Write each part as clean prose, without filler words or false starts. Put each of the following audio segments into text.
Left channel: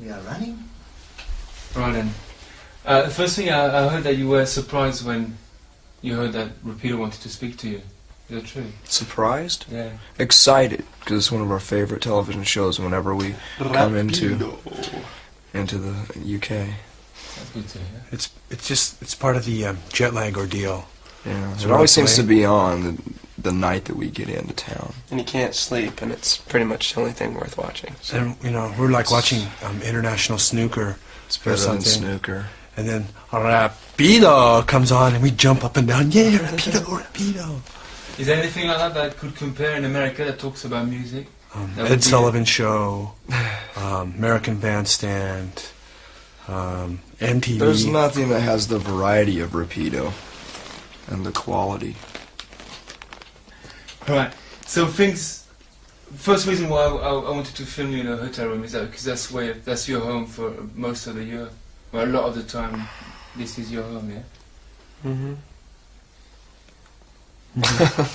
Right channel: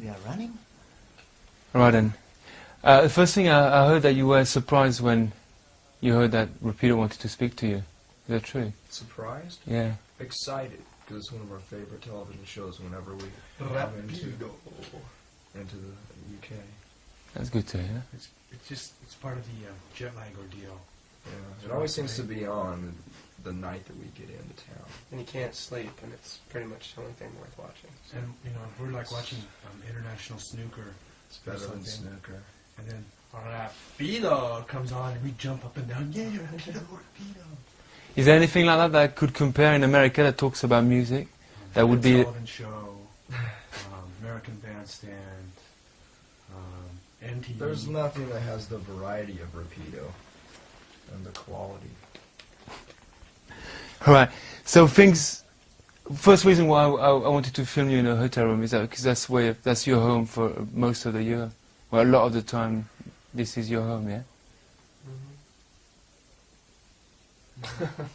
We are running. Right then. The first thing I heard that you were surprised when you heard that Rapido wanted to speak to you. Is that true? Surprised? Yeah. Excited, because it's one of our favorite television shows whenever we come into the UK. That's good to hear. It's part of the jet lag ordeal. Yeah, So it always seems to be on the night that we get into town. And you can't sleep, and it's pretty much the only thing worth watching. So. And you know, we're like watching international snooker. It's better than snooker. And then Rapido comes on, and we jump up and down. Yeah, Rapido, Rapido. Is there anything like that could compare in America that talks about music? Ed Sullivan Show, American Bandstand, MTV. There's nothing that has the variety of Rapido and the quality. Alright, so first reason why I wanted to film you in a hotel room is that because that's your home for most of the year. Well, a lot of the time, this is your home, yeah? Mm-hmm.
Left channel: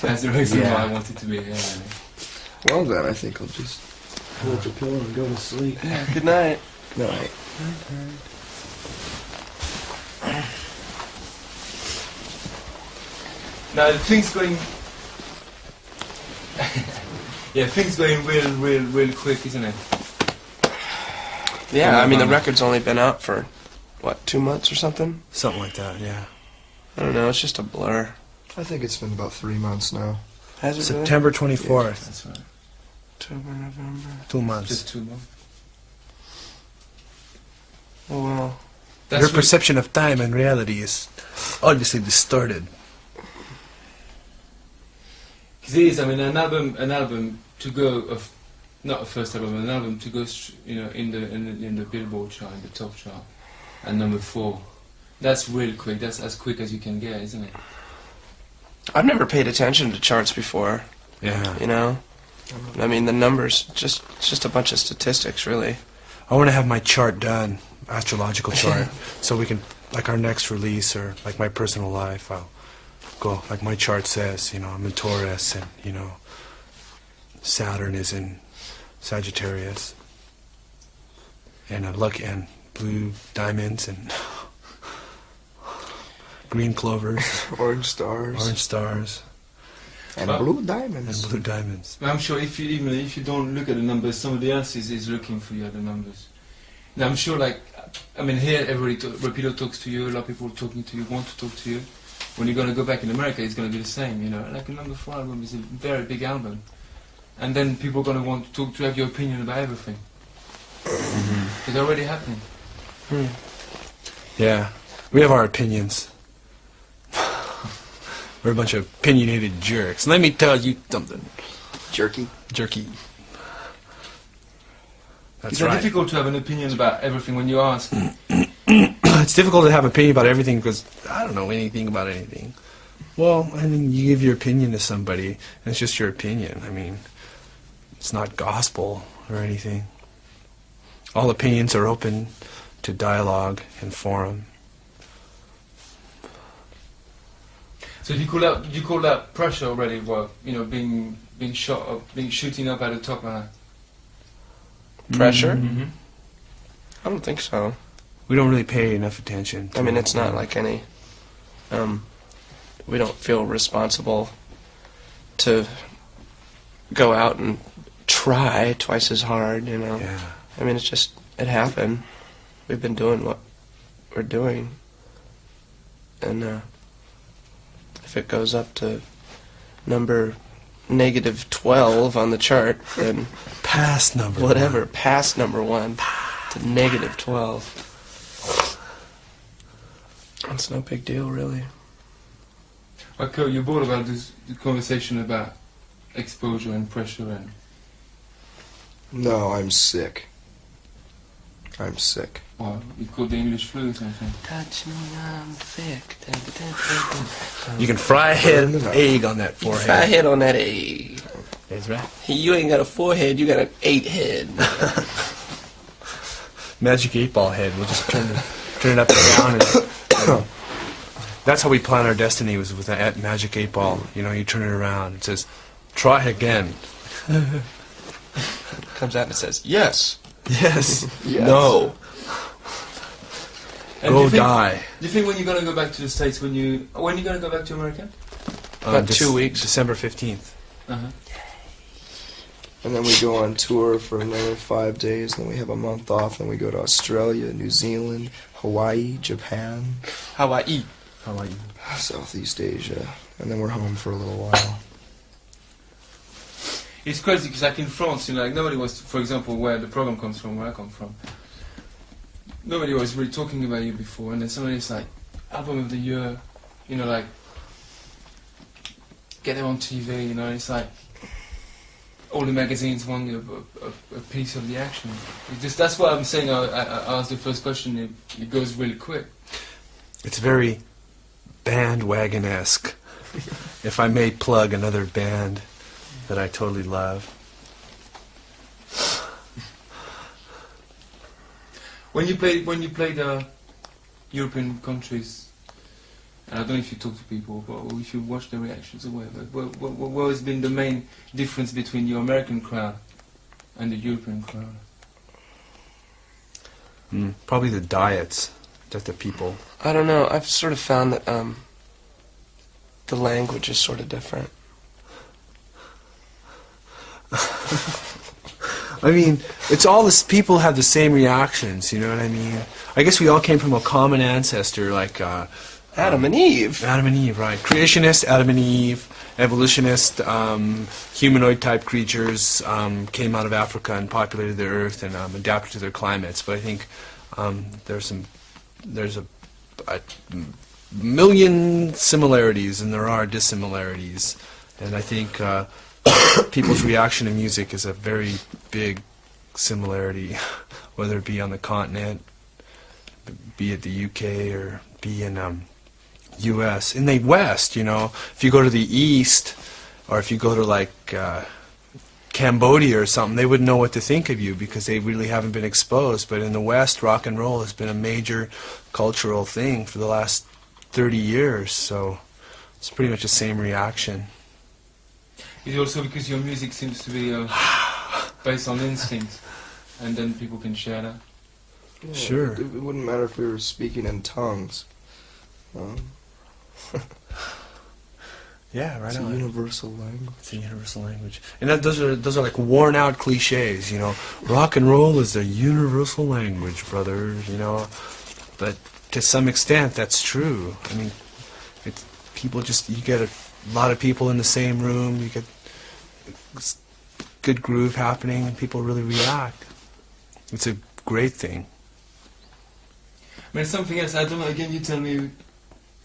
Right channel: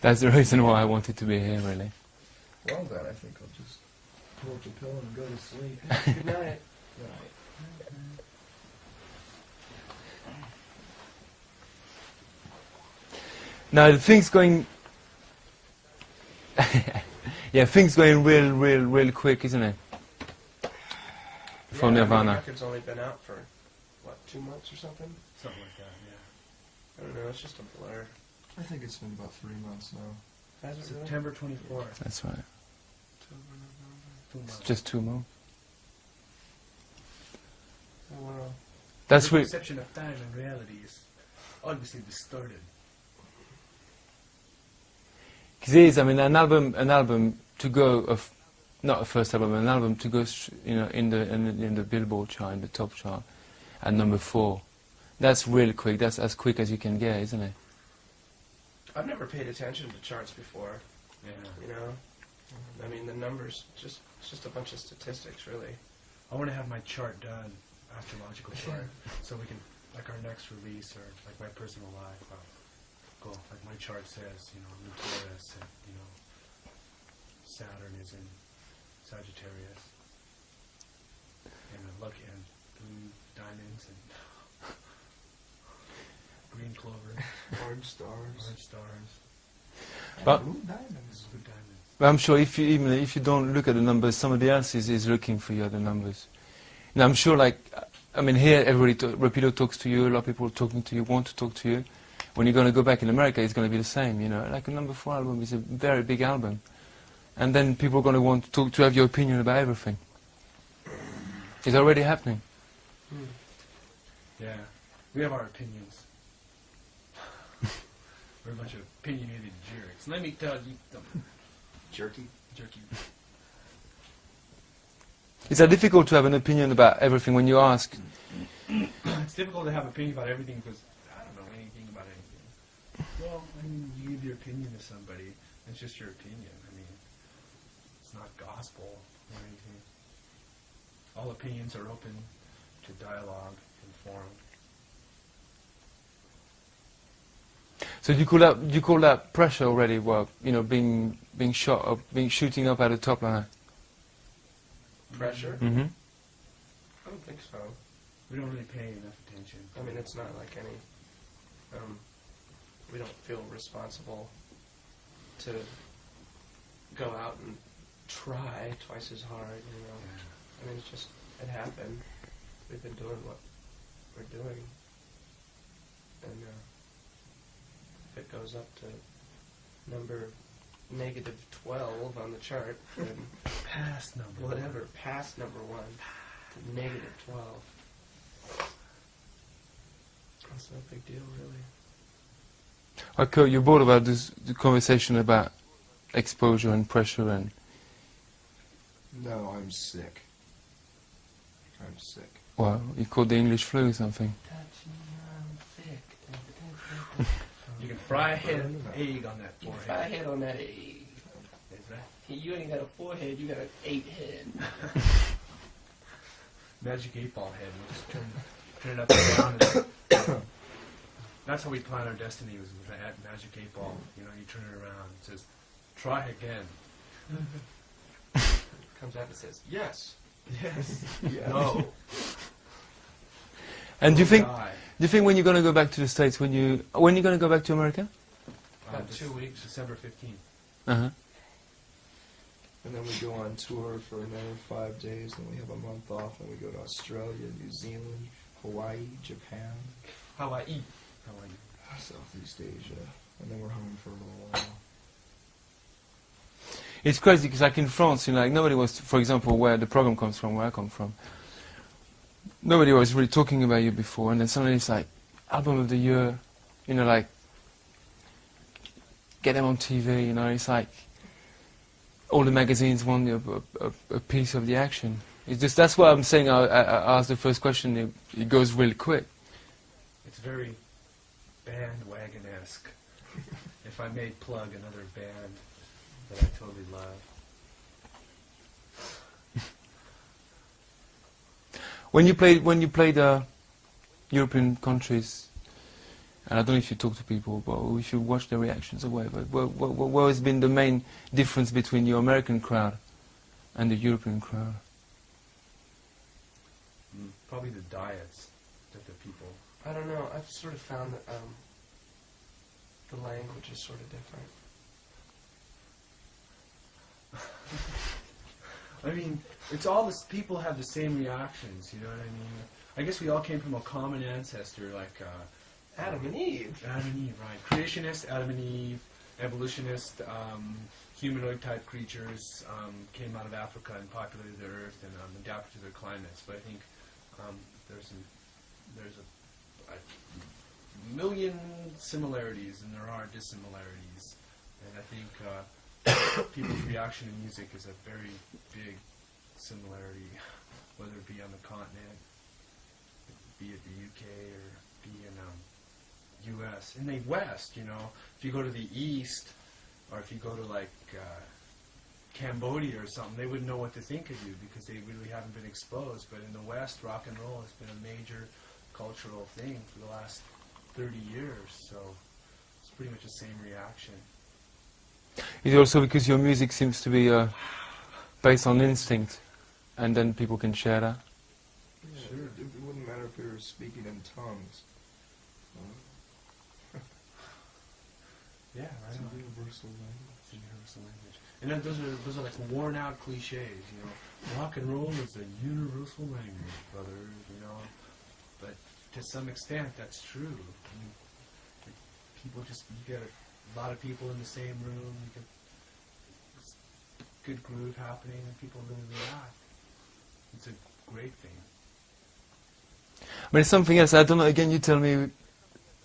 That's the reason why I wanted to be here, really. Well then, I think I'll just Pull up your pillow and go to sleep. Good night. Good night. Now the thing's going. Yeah, things going real quick, isn't it? Yeah, I mean the record's only been out for what, 2 months or something? Something like that, yeah. I don't know. It's just a blur. I think it's been about 3 months now. Has it really? September 24th. Yeah, that's right. October, November. 2 months. Just 2 months. Oh well. Your perception of time and reality is obviously distorted. Because it is, I mean, an album to go, not a first album, an album to go, in the Billboard chart, in the top chart, and number 4. That's really quick. That's as quick as you can get, isn't it? I've never paid attention to charts before. Yeah. You know, I mean the numbers, it's just a bunch of statistics, really. I want to have my chart done, astrological chart, so we can, like our next release or like my personal life, I'll go, like my chart says, I'm in Taurus and, Saturn is in Sagittarius. And and blue diamonds and green clovers. Orange stars. Orange stars. And blue diamonds. And blue diamonds. But I'm sure even if you don't look at the numbers, somebody else is looking for you at the numbers. And I'm sure, here everybody, Rapido talks to you, a lot of people talking to you, want to talk to you. When you're going to go back in America, it's going to be the same, Like a number 4 album is a very big album. And then people are going to want to have your opinion about everything. Mm-hmm. It's already happening. Yeah, we have our opinions. We're a bunch of opinionated jerks. Let me tell you something. Jerky. It's difficult to have an opinion about everything when you ask. It's difficult to have an opinion about everything because I don't know anything about anything. Well, I mean, you give your opinion to somebody, and it's just your opinion. I mean, it's not gospel or anything. All opinions are open to dialogue and forum. So you call that pressure already? Well, being shooting up at the top like that. Pressure? Mm-hmm. I don't think so. We don't really pay enough attention to I mean, it's not like any. We don't feel responsible to go out and try twice as hard, Yeah. I mean, it happened. We've been doing what we're doing. And if it goes up to number -12 on the chart, then past number whatever, one. past number 1 to -12. It's no big deal, really. Okay, you're bored about the conversation about exposure and pressure and... No, I'm sick. I'm sick. Well, you called the English flu or something. Touch me, I'm thick. You can fry a head of egg on that forehead. Fry a head on that egg. That's right. You ain't got a 4 head, you got an 8 head. Magic 8-ball head. We'll just turn it up and down. That's how we plan our destiny, was with that magic 8-ball. You turn it around. It says, try again. Comes out and it says, yes. Yes. Yes. No. And Go die. do you think when you're going to go back to the States, when are you going to go back to America? About 2 weeks. December 15th. Uh-huh. And then we go on tour for another 5 days, then we have a month off, then we go to Australia, New Zealand, Hawaii, Japan, Hawaii. Southeast Asia, and then we're home for a little while. It's crazy because like in France, you know, like nobody was, for example, where the program comes from, where I come from, nobody was really talking about you before, and then suddenly it's like album of the year, you know, like get them on TV, you know, it's like all the magazines want a piece of the action. It's just, that's what I'm saying. I asked the first question. It goes really quick. It's very bandwagon-esque. If I may plug another band that I totally love. When you played European countries, and I don't know if you talk to people, but if you watch their reactions or whatever, what has been the main difference between your American crowd and the European crowd? Probably the diets that the people... I don't know. I've sort of found that the language is sort of different. I mean, it's all this. People have the same reactions. You know what I mean? I guess we all came from a common ancestor, like Adam and Eve. Adam and Eve, right? Creationist Adam and Eve, evolutionist, humanoid-type creatures came out of Africa and populated the Earth and adapted to their climates. But I think there's a million similarities and there are dissimilarities, and I think people's reaction to music is a very big similarity, whether it be on the continent, be it the UK or be in U.S. In the West, you know, if you go to the East or if you go to like Cambodia or something, they wouldn't know what to think of you because they really haven't been exposed. But in the West, rock and roll has been a major cultural thing for the last 30 years, so it's pretty much the same reaction. Is it also because your music seems to be based on instinct, and then people can share that? Yeah, Sure. It wouldn't matter if we were speaking in tongues. Yeah, right It's a on. universal language. It's a universal language. And those are like worn out cliches, you know. Rock and roll is a universal language, brother, you know. But to some extent that's true. I mean, it's people just, you get a lot of people in the same room, you get good groove happening and people really react. It's a great thing. But it's something else. I don't know, again, you tell me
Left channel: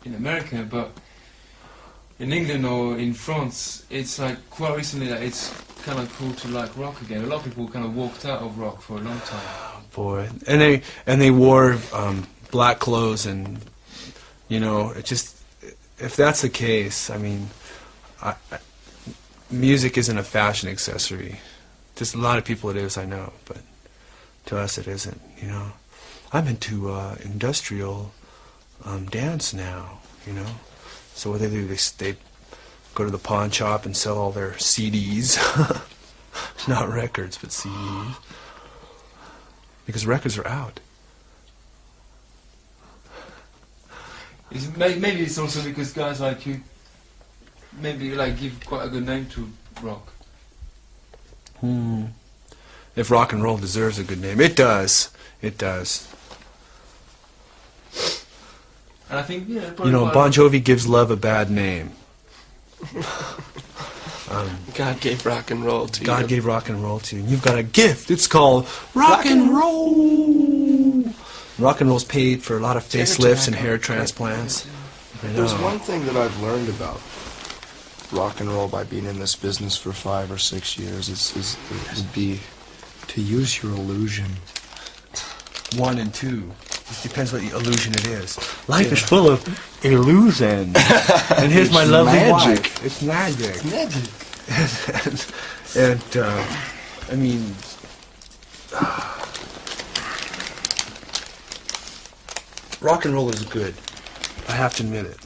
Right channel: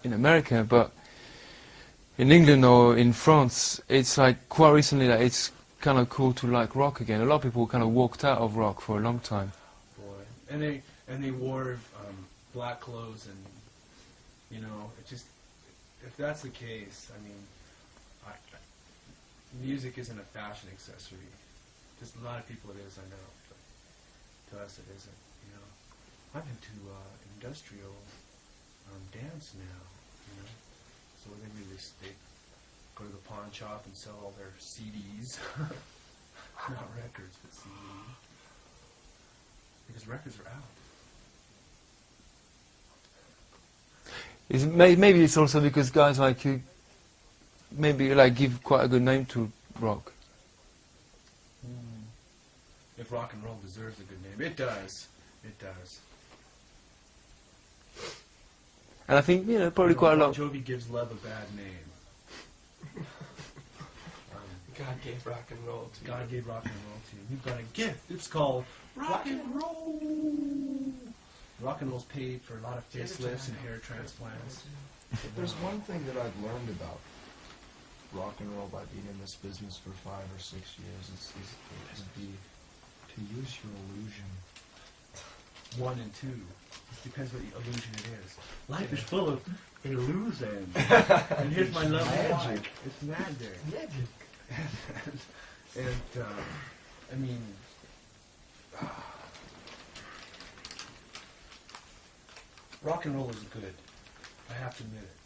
in America, but in England or in France, it's like quite recently that it's kind of cool to like rock again. A lot of people kind of walked out of rock for a long time. Oh, boy. And they wore black clothes and, you know, it just, if that's the case, I mean, music isn't a fashion accessory. Just a lot of people it is, I know, but to us it isn't, you know. I'm into industrial dance now, you know. So what they do, they go to the pawn shop and sell all their CDs. Not records, but CDs. Because records are out. Maybe it's also because guys like you maybe like give quite a good name to rock. If rock and roll deserves a good name, it does. It does. And I think, you know, probably You know, quite Bon Jovi gives love a bad name. God gave rock and roll to you. God gave rock and roll to you. You've got a gift. It's called rock and roll. Rock and roll's paid for a lot of facelifts and hair transplants. I know. There's one thing that I've learned about rock and roll by being in this business for 5 or 6 years would be to use your illusion. 1 and 2. It depends what illusion it is. Life is full of illusions. And here's my lovely magic. wife. It's magic. Magic. And I mean, rock and roll is good. I have to admit it.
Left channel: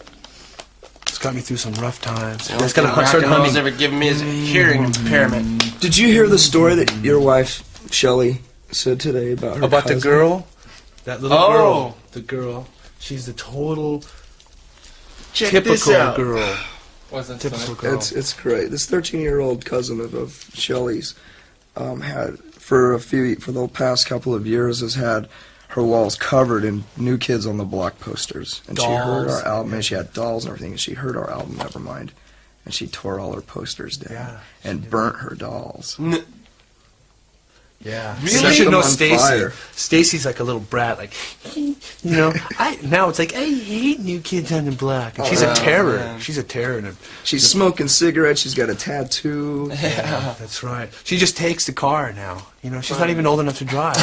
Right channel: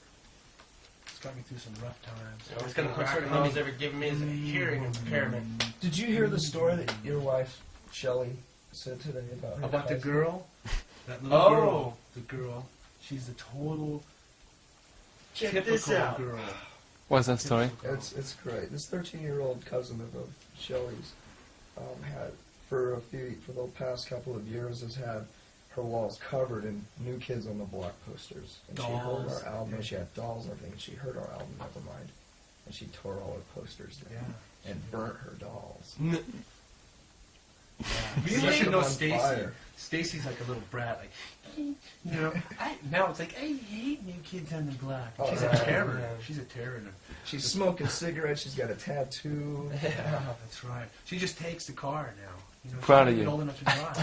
It's got me through some rough times. The only It's thing got rock and roll has ever given me is a hearing impairment. Did you hear the story that your wife, Shelley, said today about her About the cousin. girl? That little Oh. girl. The girl. She's the total Check this typical out. girl. What's that Typical story? girl. It's great. This 13-year-old cousin of Shelley's had for the past couple of years has had her walls covered in New Kids on the Block posters, and she heard Dolls. our album, and she had dolls and everything, and she heard our album Nevermind, and she tore all her posters down Yeah, and burnt her dolls. Yeah. Really? You should know Set them on Stacy. fire. Stacy's like a little brat, like, you know. Now it's like, I hate New Kids on the Block. And she's a Oh, terror. man. She's a terror. And She's smoking cigarettes. She's got a tattoo. Yeah. that's right. She just takes the car now. You know, she's Right. not even old enough to drive.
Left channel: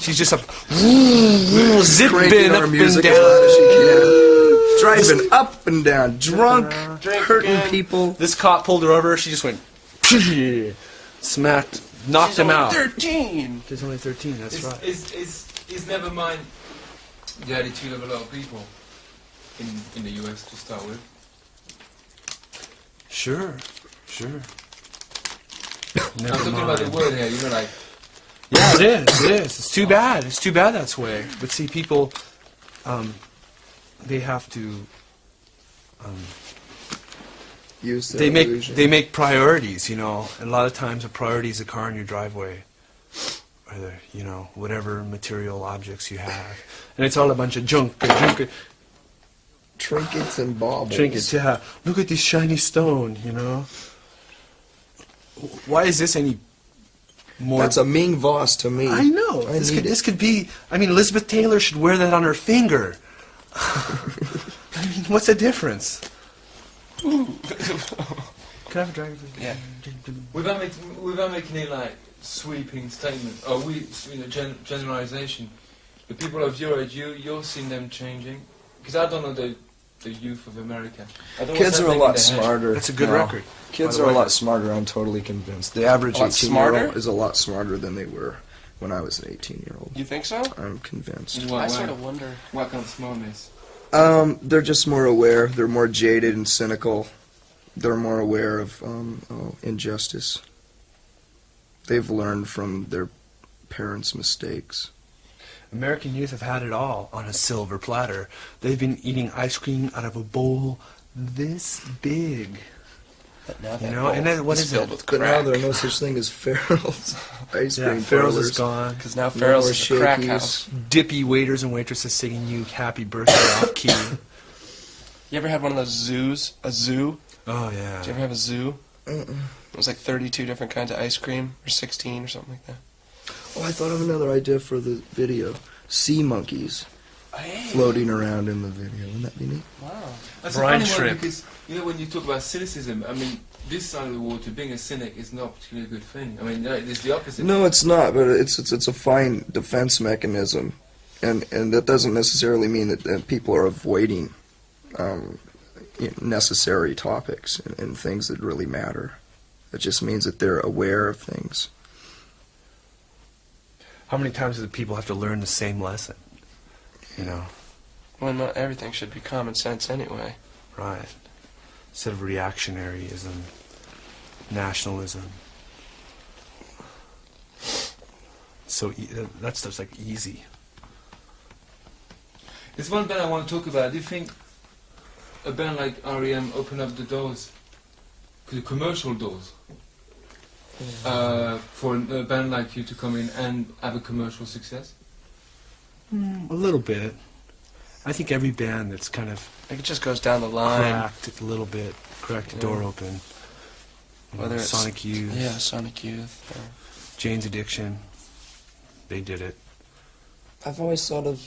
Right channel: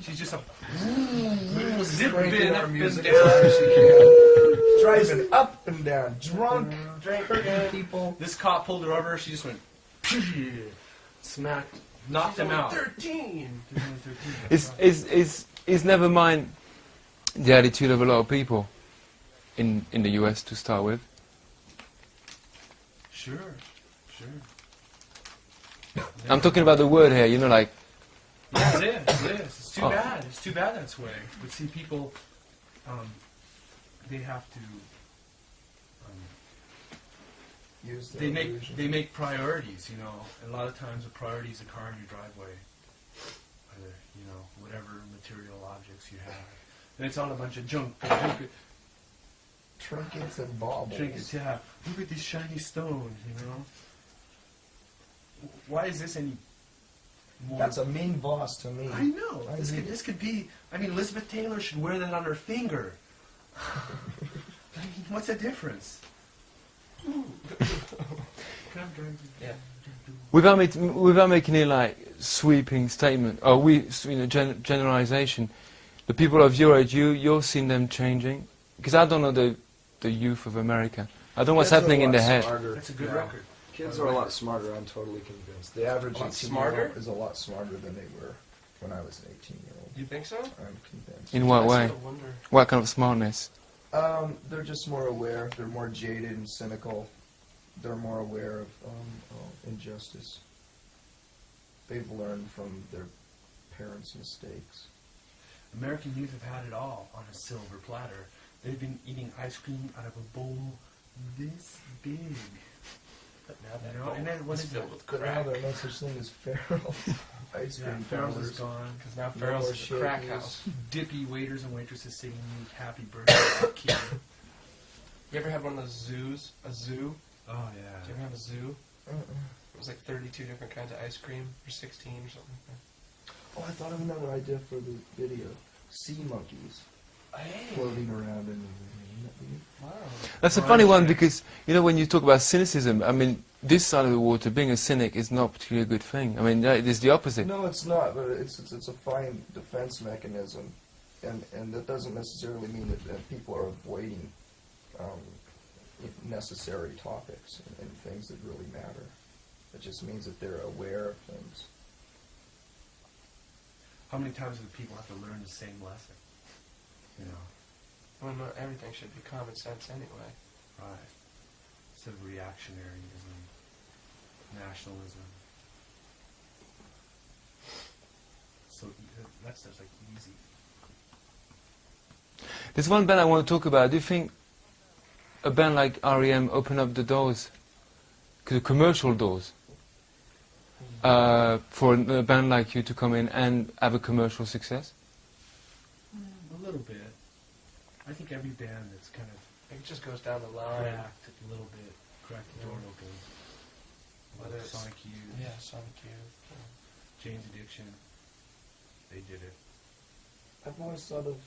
She's just up, zipping Cranking our up and music down. as loud as she can. Driving up and down, drunk, Drink hurting again. people. This cop pulled her over. She just went, smacked, knocked She's him only out. 13. She's only 13. That's right. It's never mind the attitude of a lot of people in the US to start with. Sure. I'm talking about the word here, you know, like Yeah, it is. It's too bad. It's too bad that's the way. But see, people, they have to. Use their They illusion. make priorities, you know. And a lot of times, a priority is a car in your driveway, or whatever material objects you have, and it's all a bunch of junk. Trinkets and baubles. Trinkets, yeah. Look at this shiny stone, you know. Why is this any more? That's a Ming Voss to me. I know. I This need could it. this could be. I mean, Elizabeth Taylor should wear that on her finger. I mean, what's the difference? Can I have a driver's license? Yeah. without making it like sweeping statement or generalization. The people of your age, you're seeing them changing, because I don't know the youth of America. I don't know what's Kids are a happening in lot their head. smarter. That's a good now. record. Kids by the are a way. lot smarter, I'm totally convinced. The average A lot 18-year-old smarter? is a lot smarter than they were when I was an 18-year-old. You think so? I'm convinced. In I what way? sort of wonder. What kind of smartness? They're just more aware. They're more jaded and cynical. They're more aware of injustice. They've learned from their parents' mistakes. American youth have had it all on a silver platter. They've been eating ice cream out of a bowl this big. But now You that know, bowl and then what is is filled it? with But now crack. there are no such thing as Farrell's ice Yeah, cream Farrell's parlors. is gone. Because now No Farrell's more is a crack Shakey's. house. Dippy waiters and waitresses singing you happy birthday off key. You ever had one of those zoos? A zoo? Oh Did you yeah. ever have a zoo? It was like 32 different kinds of ice cream, or 16 or something like that. Oh, I thought of another idea for the video. Sea monkeys floating around in the video. Wouldn't that be neat? Wow. That's a Brian funny one Schrick. because, you know, when you talk about cynicism, I mean, this side of the water, being a cynic is not particularly a good thing. I mean, it is the opposite. No, it's not, but it's a fine defense mechanism. And that doesn't necessarily mean that people are avoiding necessary topics and things that really matter. It just means that they're aware of things. How many times do the people have to learn the same lesson? You know, Well, not everything should be common sense anyway. right? Instead of reactionaryism, nationalism. So that stuff's like easy. There's one band I want to talk about. Do you think a band like R.E.M. open up the doors, commercial doors, for a band like you to come in and have a commercial success? A little bit. I think every band that's kind of It just goes down the line. cracked it a little bit, cracked the door open. Whether it's Sonic Youth, Yeah, Sonic Youth. Or Jane's Addiction, they did it. I've always thought of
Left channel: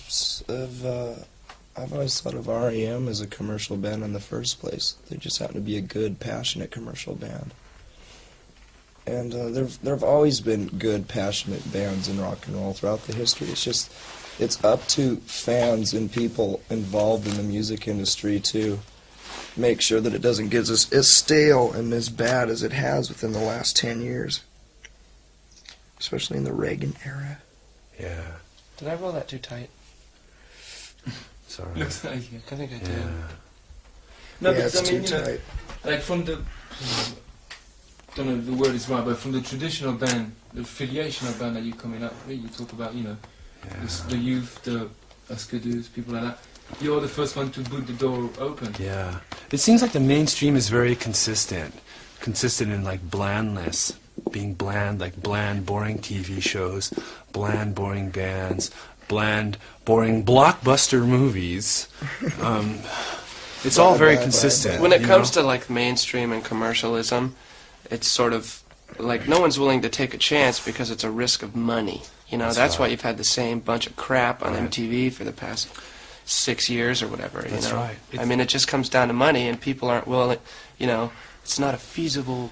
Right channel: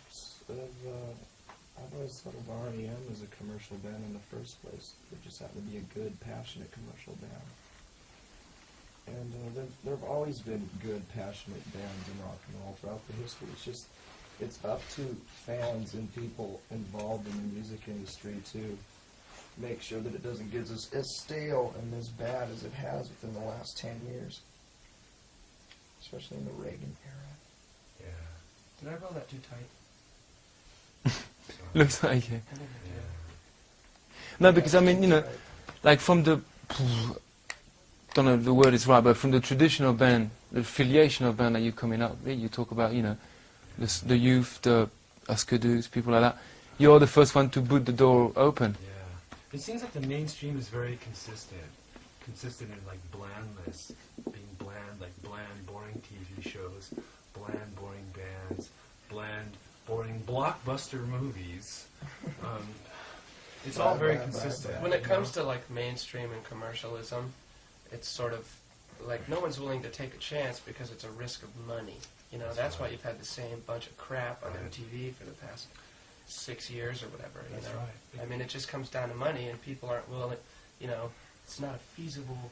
REM as a commercial band in the first place. They just happen to be a good, passionate commercial band. And there have always been good, passionate bands in rock and roll throughout the history. It's up to fans and people involved in the music industry to make sure that it doesn't get as stale and as bad as it has within the last 10 years. Especially in the Reagan era. Yeah. Did I roll that too tight? Sorry. Looks like it. I think I Yeah. did. No, Yeah, because I it's mean, too you know, tight. like from the don't know if the word is right, but from the traditional band, the affiliation of band that you're coming up with, you talk about, you know, the youth, the Askedoos, people like that. You're the first one to put the door open. Yeah. It seems like the mainstream is very consistent in like blandness, being bland, like bland, boring TV shows, bland, boring bands, bland, boring blockbuster movies. It's all very consistent. When it comes to like mainstream and commercialism, it's sort of like no one's willing to take a chance because it's a risk of money. You know, that's why you've had the same bunch of crap on MTV for the past 6 years or whatever. That's you know? right. I mean, it just comes down to money, and people aren't willing. You know, it's not a feasible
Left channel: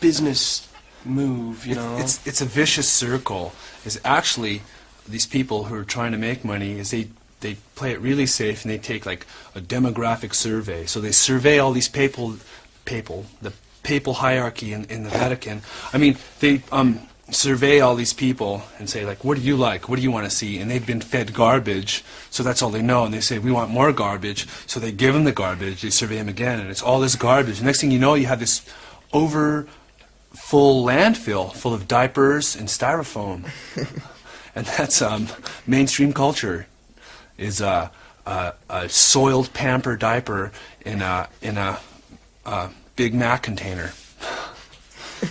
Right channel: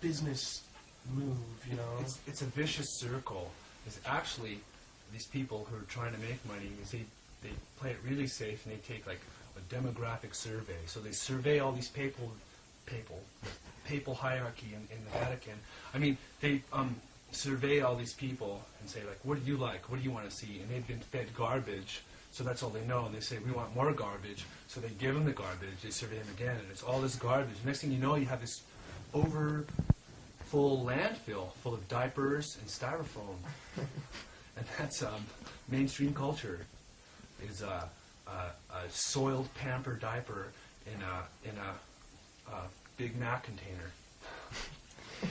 business move. You know, it's a vicious circle. Is actually these people who are trying to make money is they play it really safe and they take like a demographic survey. So they survey all these the papal hierarchy in the Vatican. I mean, they survey all these people and say like, what do you like? What do you want to see? And they've been fed garbage, so that's all they know. And they say, we want more garbage. So they give them the garbage. They survey them again, and it's all this garbage. Next thing you know, you have this full landfill full of diapers and styrofoam. And that's mainstream culture. Is a soiled Pamper diaper in a Big Mac container.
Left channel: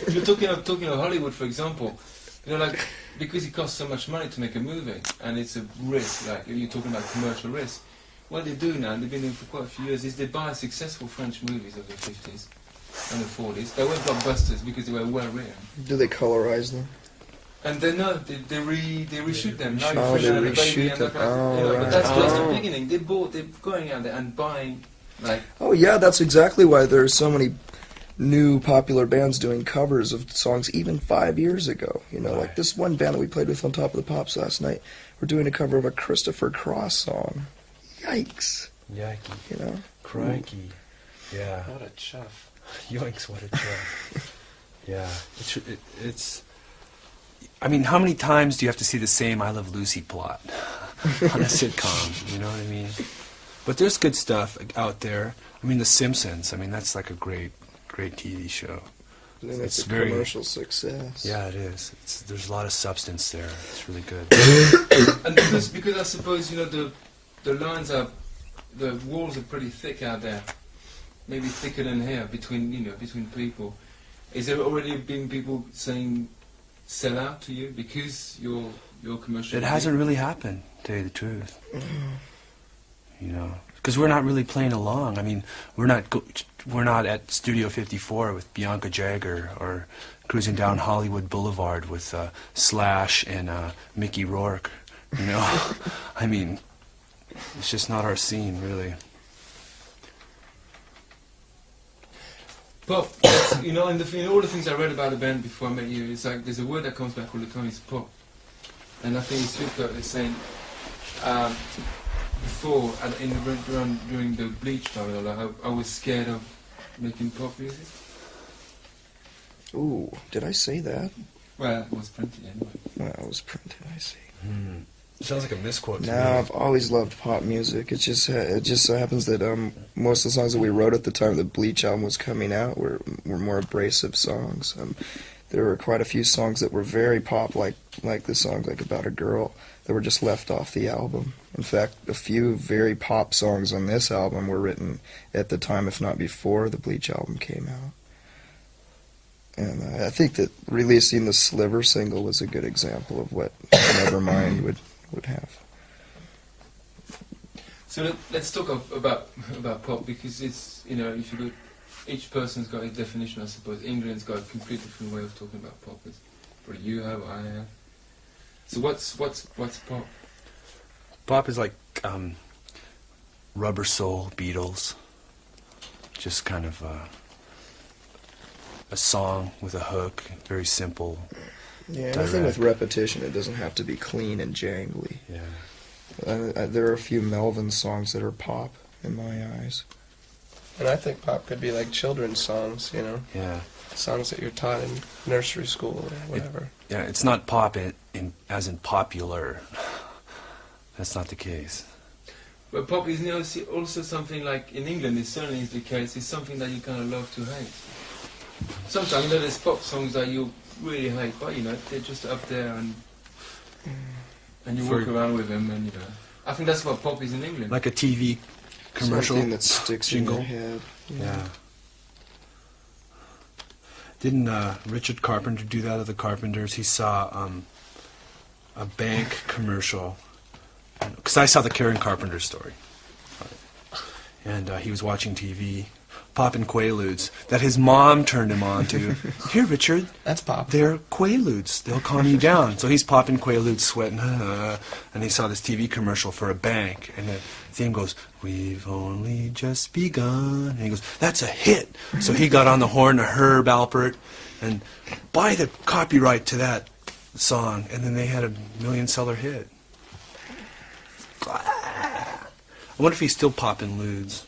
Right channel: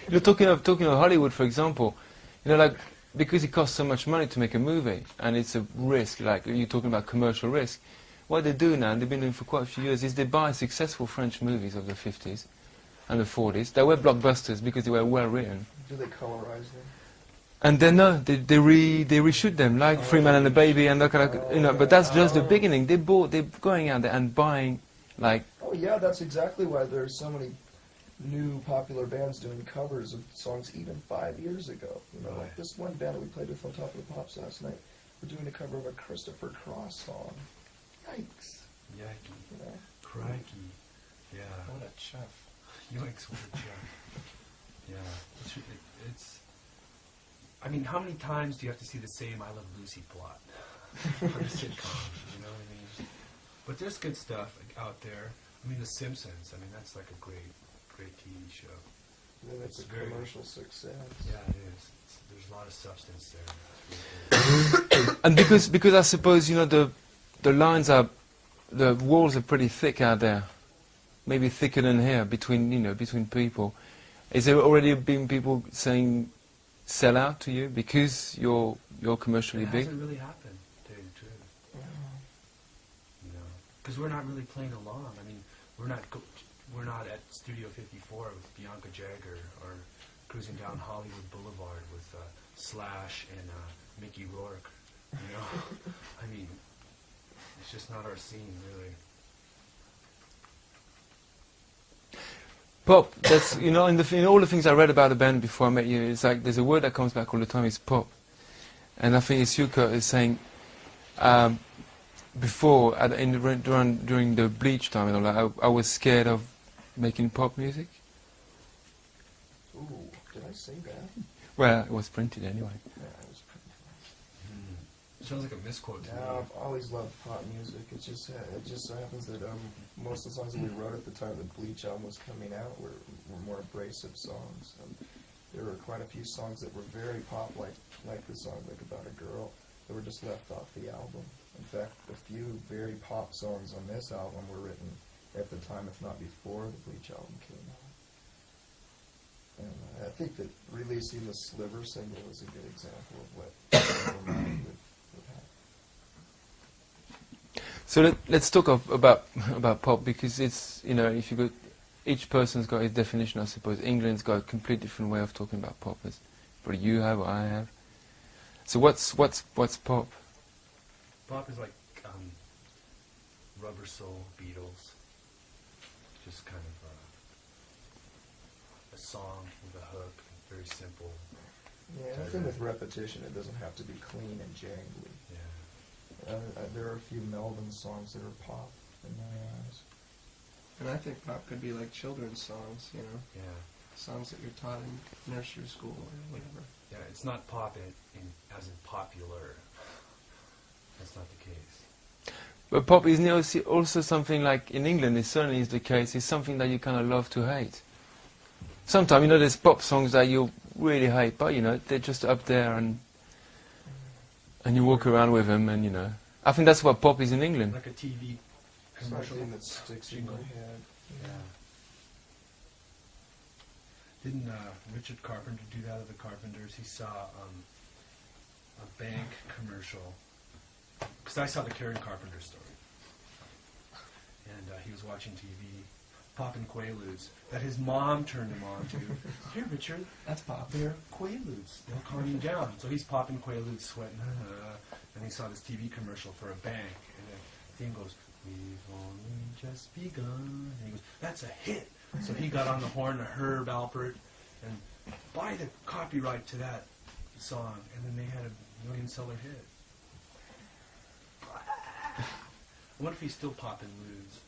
You're talking of Hollywood, for example. You know, like because it costs so much money to make a movie, and it's a risk. Like you're talking about commercial risk. What they do now, they've been doing for quite a few years, is they buy successful French movies of the 50s and the 40s. They were blockbusters because they were well written. Do they colorize them? And then they reshoot them, like Free Man and the Baby and that kind of, you know. But that's just the beginning. They're going out there and buying, like. Oh yeah, that's exactly why there are so many new popular bands doing covers of songs even 5 years ago. You know, like this one band that we played with on Top of the Pops last night. We're doing a cover of a Christopher Cross song. Yikes! Yikes! You know, Crikey! Yeah. what a chuff. Yikes! What a chuff! Yeah. It's. I mean, how many times do you have to see the same I Love Lucy plot on a sitcom? You know what I mean? But there's good stuff out there. I mean, The Simpsons. I mean, that's like a great TV show. it's a commercial success. Yeah, it is. There's a lot of substance there. It's really good. And because I suppose, you know, the lines are, the walls are pretty thick out there. Maybe thicker than here between people. Is there already been people saying sell out to you because you're commercial? It hasn't really happened, to tell you the truth. You know, because we're not really playing along. I mean, we're not at Studio 54 with Bianca Jagger or cruising down Hollywood Boulevard with Slash and Mickey Rourke. You know, I mean, it's just not our scene, really. Pop, that's, you know, in all the things I read about the band before I met you, it's like there's a word that comes back all the time, it's pop. And I think Isuka is saying, before, during the Bleach time, you know, like I was scared of making pop music. Ooh, did I say that? Well, it was printed anyway. Well, it was printed, I see. Sounds like a misquote to No, me. I've always loved pop music. It just so happens that most of the songs that we wrote at the time the Bleach album was coming out were more abrasive songs. There were quite a few songs that were very pop, like the song like About a Girl, that were just left off the album. In fact, a few very pop songs on this album were written at the time, if not before, the Bleach album came out. And I think that releasing the Sliver single was a good example of what Nevermind would have. So let's talk about pop, because it's, you know, if you look, each person's got his definition, I suppose. England's got a completely different way of talking about pop, as what you have or I have. So what's pop? Pop is like Rubber Soul, Beatles. Just kind of a song with a hook, very simple. Yeah, anything with repetition, it doesn't have to be clean and jangly. Yeah. There are a few Melvin songs that are pop in my eyes. And I think pop could be like children's songs, you know? Yeah. Songs that you're taught in nursery school or whatever. Yeah, it's not pop as in popular. That's not the case. But pop is also something like, in England it certainly is the case, it's something that you kind of love to hate. sometimes, you know, there's pop songs that you really hate, but, you know, they're just up there and you walk around with them and, you know. I think that's what pop is in England. Like a TV commercial. Something that sticks jingle. in your head. Yeah. Didn't Richard Carpenter do that of the Carpenters? He saw a bank commercial. Because I saw the Karen Carpenter story. And he was watching TV, popping Quaaludes, that his mom turned him on to. Here, Richard, That's pop. they're Quaaludes. They'll calm you down. So he's popping Quaaludes, sweating, and he saw this TV commercial for a bank. And the theme goes, "We've only just begun." And he goes, "That's a hit." So he got on the horn to Herb Alpert and buy the copyright to that song. And then they had a million-seller hit. I wonder if he's still popping ludes.